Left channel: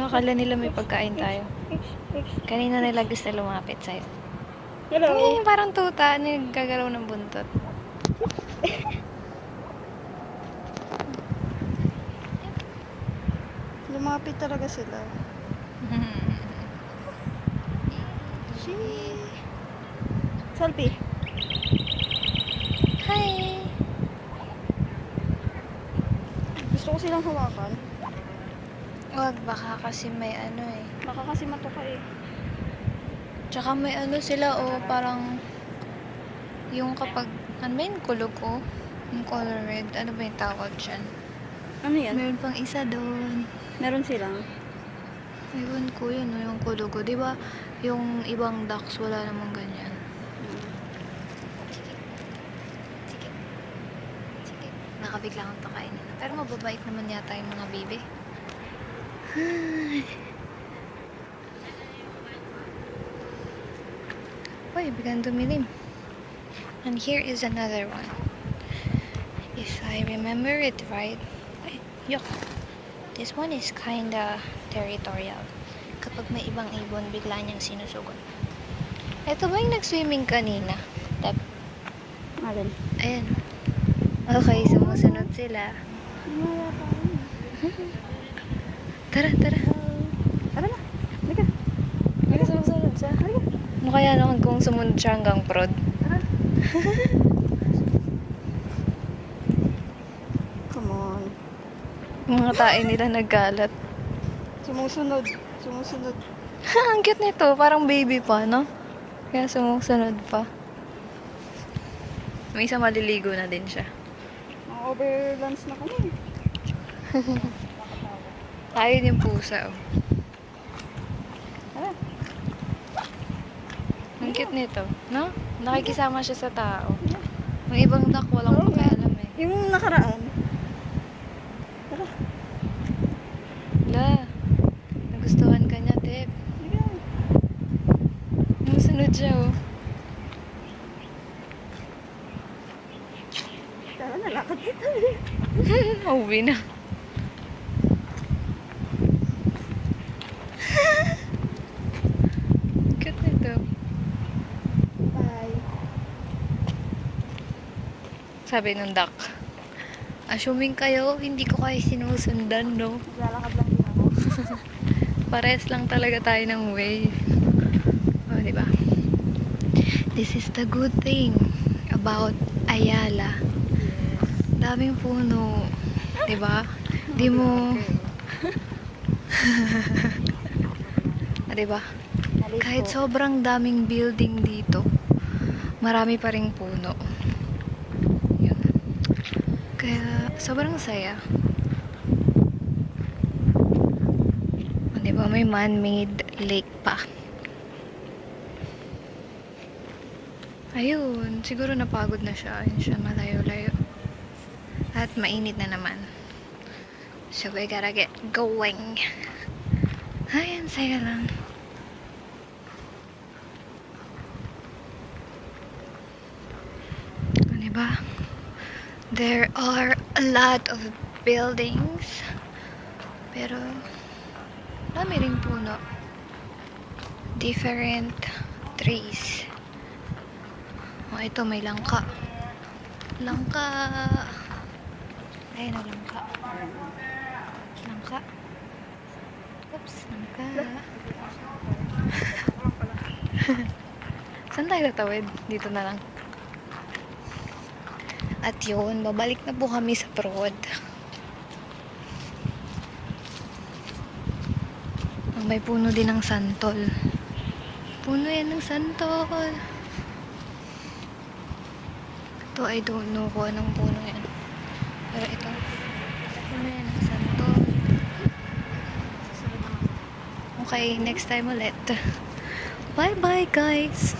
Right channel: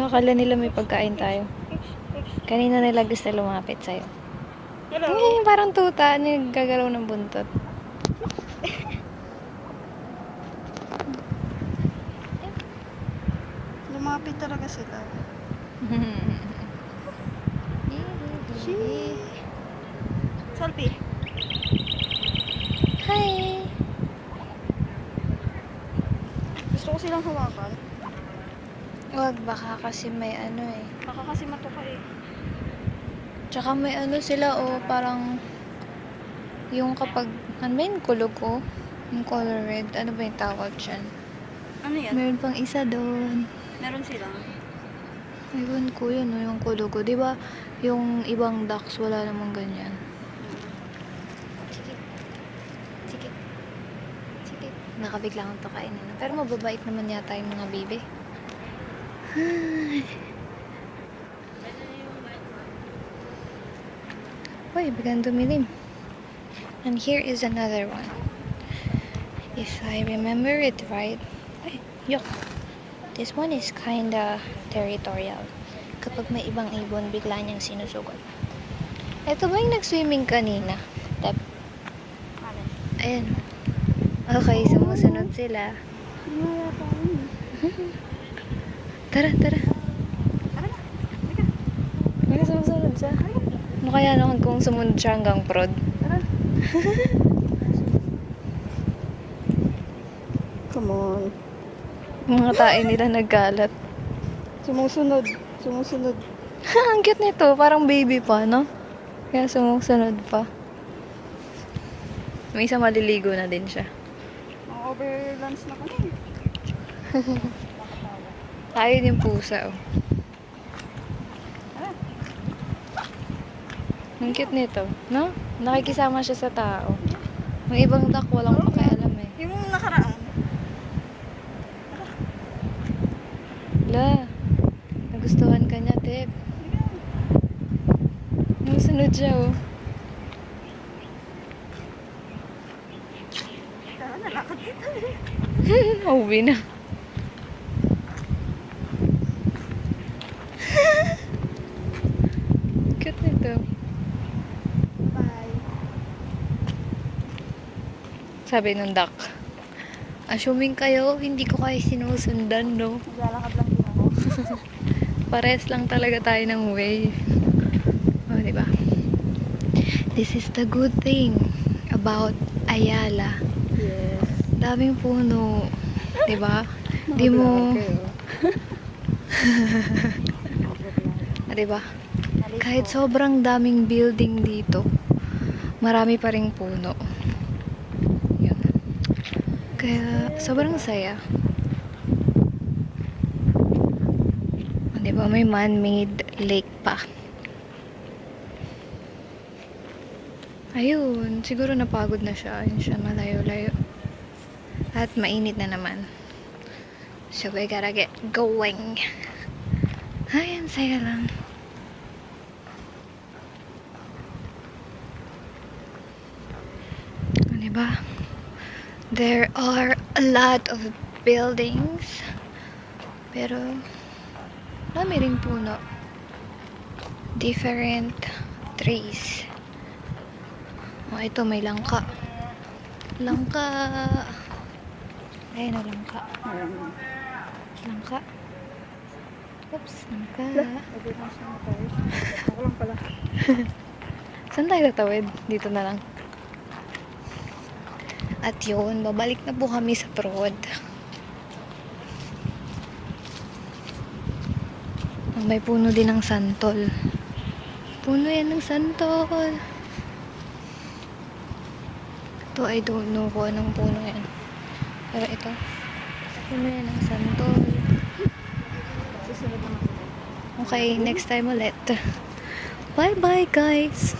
Akala nila may pagkain tayo. Kanina nila gusto lumapit sa'yo. Hello. Ay, parang tuta. Gagalaw ng buntot. Lumapit talaga sila. Selfie. Hi! Gusto ko silang hawakan. Wag, baka kasi may ano eh. Baka kasi matuka eh. Tsaka may ano sila parang yung kapag, ano ba yung kulog ko? Yung color red. Ano ba yung tawag dyan? Ano yan? Meron pang isa doon. Meron silang. Ewan ko yun, yung kulog ko. Diba yung ibang ducks wala namang ganyan? Sige. Nakabigla akong to kainin. Pero mababait naman yata yung mga baby. Uy, biglang dumilim. And here is another one. If I remember it right. Ay, yuck. This one is kinda territorial. Kapag may ibang ibon, bigla niyang sinusugot. Ito ba yung nag-swimming kanina? Alin? Ayan. Okay, sumusunod sila. Wala pa yun. Tara. Tara na. Halika. May sumusunod siya. Ano kaya naman kung sumunod siya hanggang prod? Tara. Come on. Mga tae nila nagkalat. Sumusunod. Ang cute nito. Parang baby pa, no? Kaya sumusunod pa. May isa maliligo na din siya. Mga overlunch na kami. Ayun yung pusa, oh. Tara. Ang cute nito, no? Nakikisama siya sa tao. Yung ibang duck, walang pakialam eh. Yung nakaraan. Tara. Wala. Nagustuhan ka niya, Tep. Nasunod siya, oh. Tara, nalakad kita. Uwi na. Cute nito. Bye. Sabi nung duck, assuming kayo, hindi ko kayo sinusundan, no? Naglalakad lang din ako. Pares lang talaga tayo ng way. O, diba? This is the good thing about Ayala. Yes. Daming puno. Diba? Di mo... Diba? Kahit sobrang daming building dito, marami pa ring puno. Yun. Kaya, sobrang saya. Diba? May man-made lake pa. Ayun, siguro napagod na siya. Ayun siya, malayo-layo. At mainit na naman. So, we gotta get going. Ayan, saya lang. Diba? There are a lot of buildings. Pero, dami ring puno. Different trees. Oh, ito may langka. Langka. Ayun na langka. Langka. Oops, langka. Ako lang pala. Saan tayo tatawid? Dito na lang. At yun, babalik na po kami sa prod. Oh, may puno din ng santol. Puno yan ng santol. Ito, I don't know kung anong puno yan. Pero ito, puno yan ng santol. Susunod naman. Okay, next time ulit. Bye-bye, guys!